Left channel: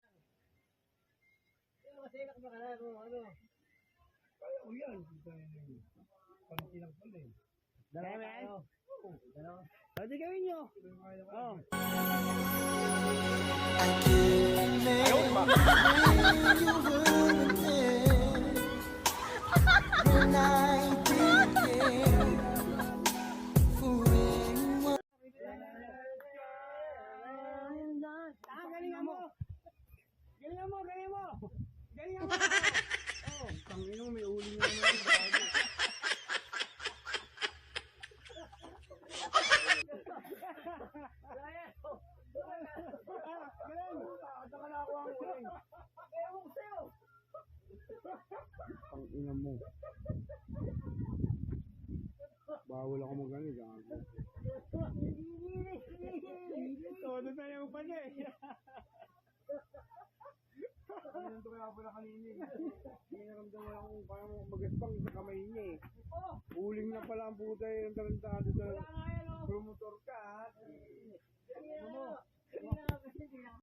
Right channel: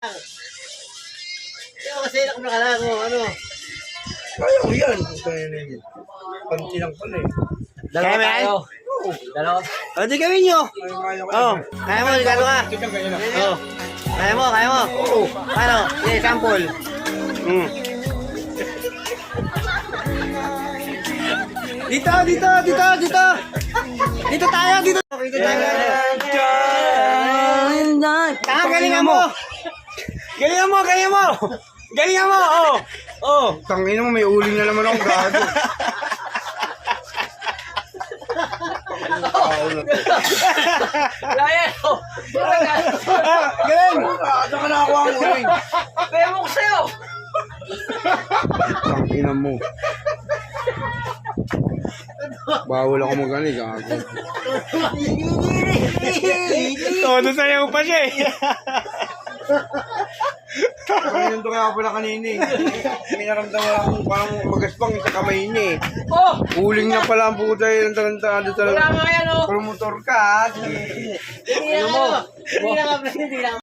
Kaya kasi nakalaro, ano? Kaya ko yan. Panty lang pala eh. Dalawa Kaya, tayo. Dalawa. O, di gawin nyo. Kaya ko Oh, kaya mo, gano'n ka. Oh, kaya mo, kaya mo. Paano? Sige, sample. Dito, dito, dito, dito. Dito tayo, dito. Dito tayo. Galingan mo. Galingan mo, galingan mo. Galingan mo, oh. Oh. Tangina mo, may uling na naman akong gago. Ryan! Galing. Saan ka nakakuha ang uling? Pemo ko sa'yo! Tangina mo. Bawal ako magaling, gago. Todo sayaw pa siya eh. Ganyan to kaya pala kanina eh. May naramdaman akong parang magaspang sa kamay niya eh. Oh! Uling na pala ang puta eh. Tarantado Wala talaga. nga yan, oh! Promotor ka. Hindi na, ano? Hindi na, hindi na.